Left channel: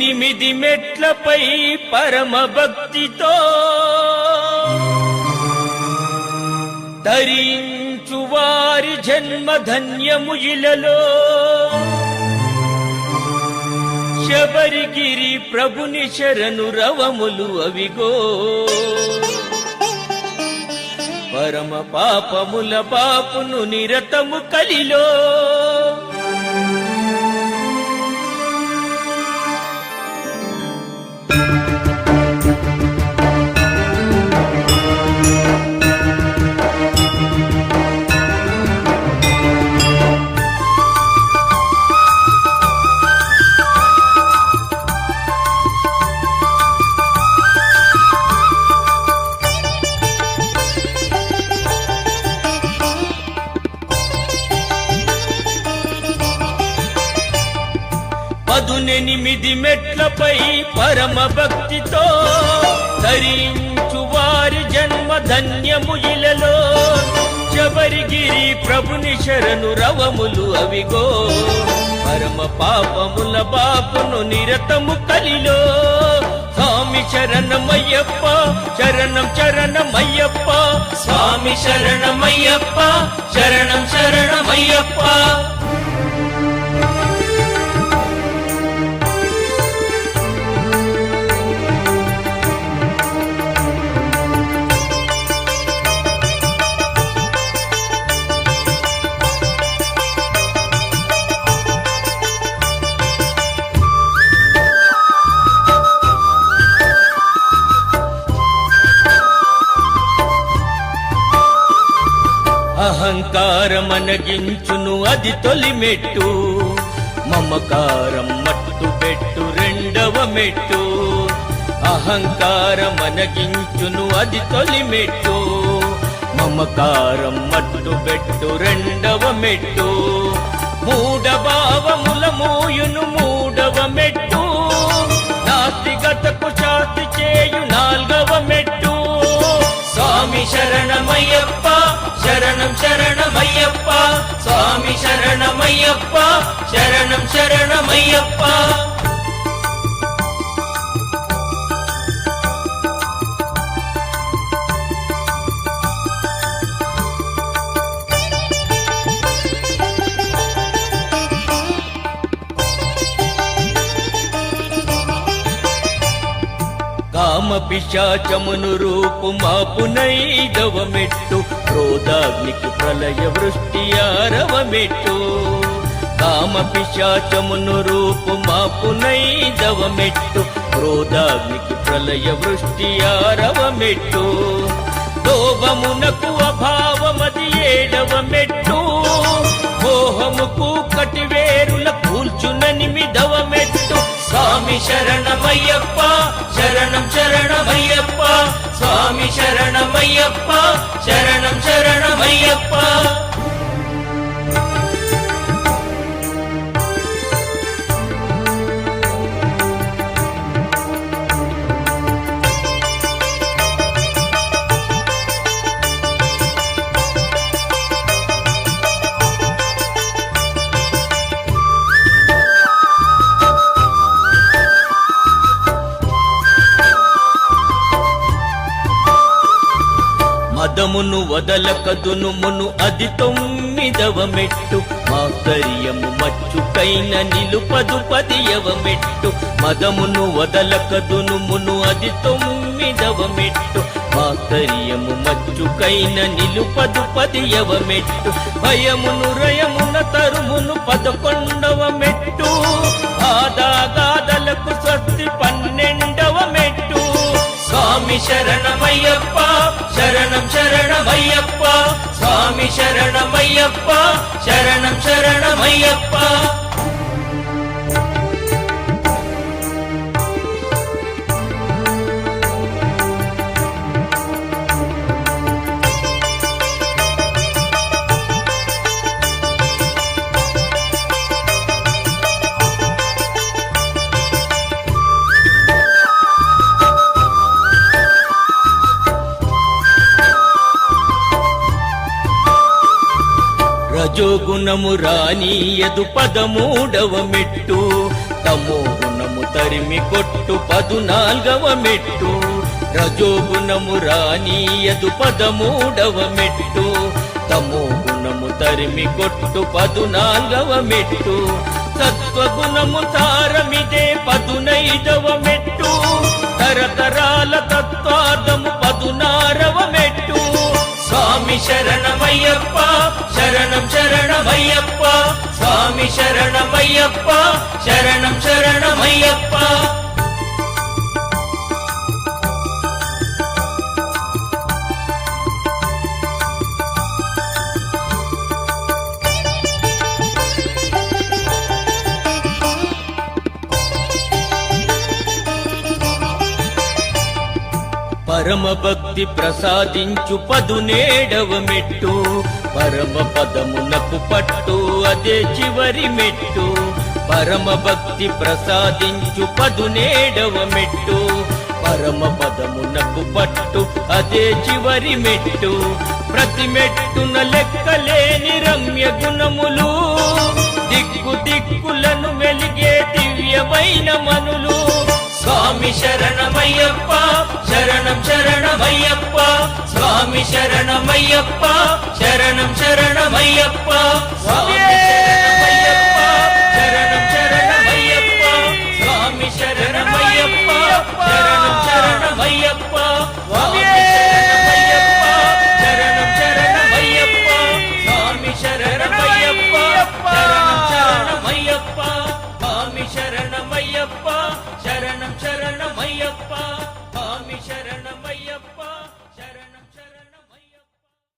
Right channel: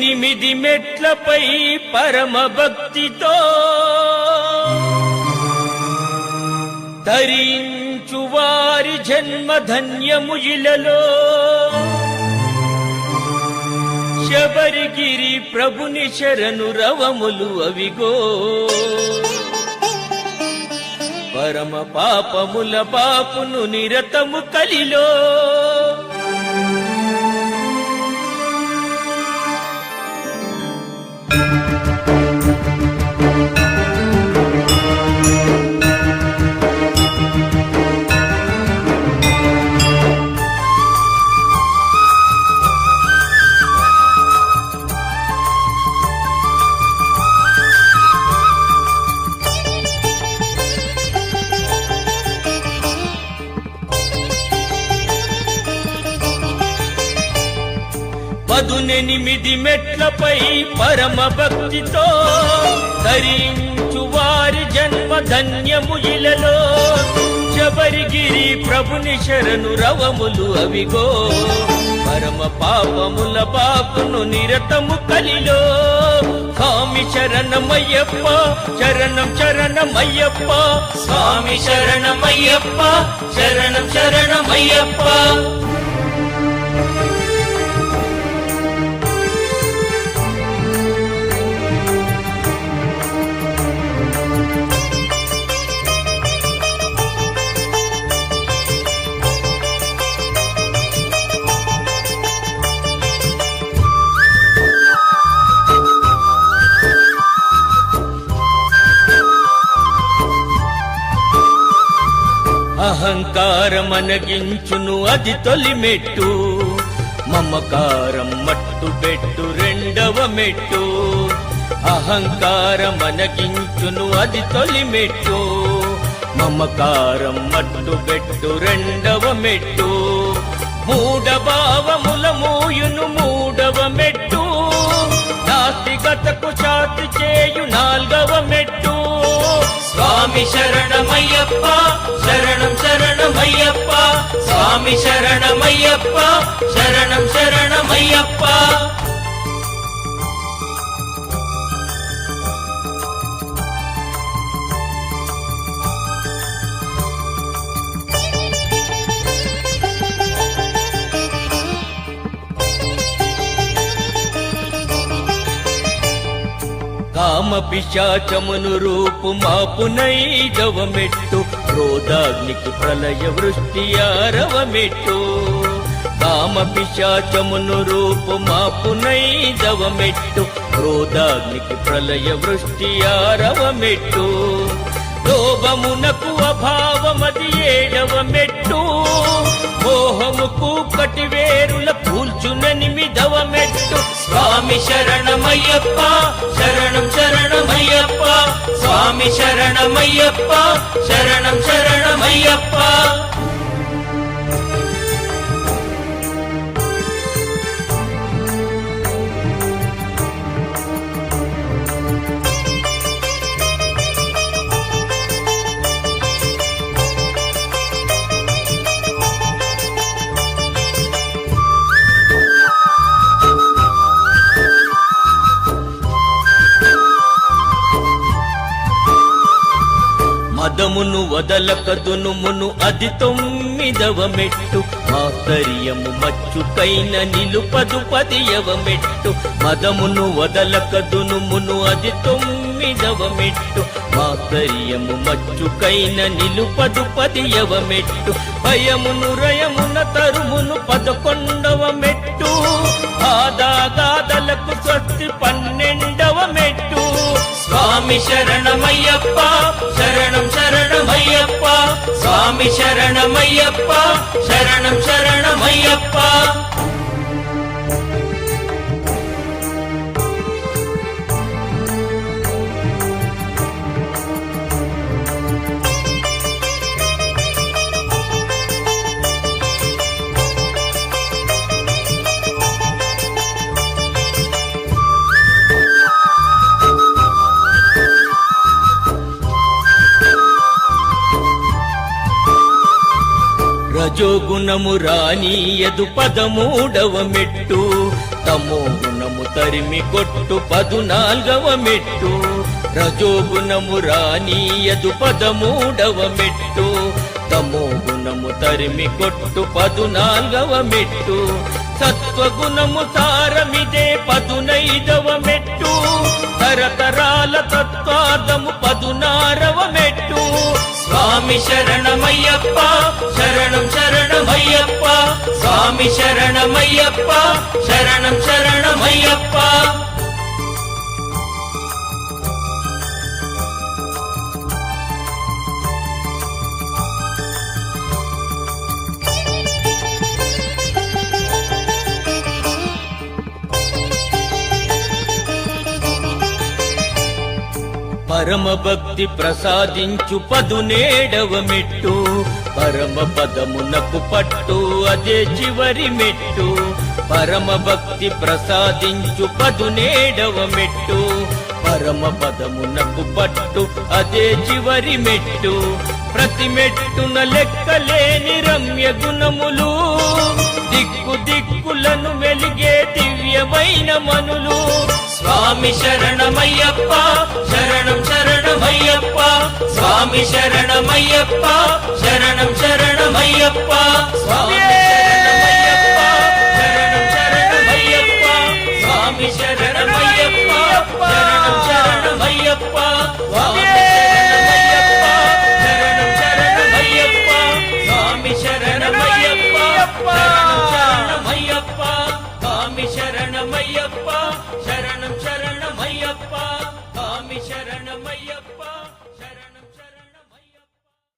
పదునెనిమిది మెట్లపై పరమ భక్తితో ధరించు వారి జన్మ ధన్యము ఇలలో శబరిగిరి ప్రభుని శరణు రవములు అవిగో పరమ పాపముల పాపును నిరతము కలిలో పదునెనిమిది మెట్లపై పరమ భక్తితో ధరించు వారి జన్మ ధన్యము ఇలలో శబరిగిరి ప్రభుని శరణు రవములు అవిగో పరమ పాపముల పాపును నిరతము కలిలో స్వామి శరణమయ్యప్ప శరణం శరణమయ్యప్ప స్వామి శరణమయ్యప్ప శరణం శరణమయ్యప్ప అహంకారమనగించును అది తొలి మెట్టు మమకారం మట్టు పెట్టు రెండవ మెట్టు అహంకారమనగించును అది తొలి మెట్టు మమకారం మట్టు పెట్టు రెండవ మెట్టు మూఢభావముల మూయును మూడవ మెట్టు నాస్తికతకు శాంతి చేయు నాల్గవ మెట్టు స్వామి శరణమయ్యప్ప శరణం శరణమయ్యప్ప స్వామి శరణమయ్యప్ప శరణం శరణమయ్యప్ప కామ పిశాచమును రూపు మాపునైదవ మెట్టు క్రోధాగ్నికి ప్రళయ వృష్టి ఆరవ మెట్టు కామ పిశాచమును రూపు మాపునైదవ మెట్టు క్రోధాగ్నికి ప్రళయ వృష్టి ఆరవ మెట్టు లోభమునకు అభావమది ఏడవ మెట్టు మోహముకు కటివేరుల కూల్చుననిమిదవ మెట్టు స్వామి శరణమయ్యప్ప శరణం శరణమయ్యప్ప స్వామి శరణమయ్యప్ప శరణం శరణమయ్యప్ప మదమును వదలకదునుమును అది తొమ్మిదవ మెట్టు మాధర్యము మచ్చుకైన నిలుపదు పదియవ మెట్టు మదమును వదలకదునుమును అది తొమ్మిదవ మెట్టు మాధర్యము మచ్చుకైన నిలుపదు పదియవ మెట్టు భయమును రయమున తరుమును 11వ మెట్టు ఆదాగాదలకు స్వస్తి 12వ మెట్టు స్వామి శరణమయ్యప్ప శరణం శరణమయ్యప్ప స్వామి శరణమయ్యప్ప శరణం శరణమయ్యప్ప రజోగుణము రానీయదు 13వ మెట్టు తమో గుణము గుణము తరిమి కొట్టు 14వ మెట్టు రజో గుణము రానీయదు 13వ మెట్టు తమో గుణము తరిమి కొట్టు 14వ మెట్టు సత్వగుణము తారవిదే 15వ మెట్టు తరతరాల తత్వాదము 16వ మెట్టు స్వామి శరణమయ్యప్ప శరణం శరణమయ్యప్ప స్వామి శరణమయ్యప్ప శరణం శరణమయ్యప్ప పరమ భక్తి ప్రసాదించు 17వ మెట్టు పరమ పదమునకు పట్టు అదే చివరి మెట్టు పరమ భక్తి ప్రసాదించు 17వ మెట్టు పరమ పదమునకు పట్టు అదే చివరి మెట్టు ప్రతి మెట్టున లెక్కలేని రమ్య గుణములు దిక్కు దిక్కులను వెలిగే దివ్యమైన మనులు స్వామి శరణమయ్యప్ప శరణం శరణమయ్యప్ప స్వామి శరణమయ్యప్ప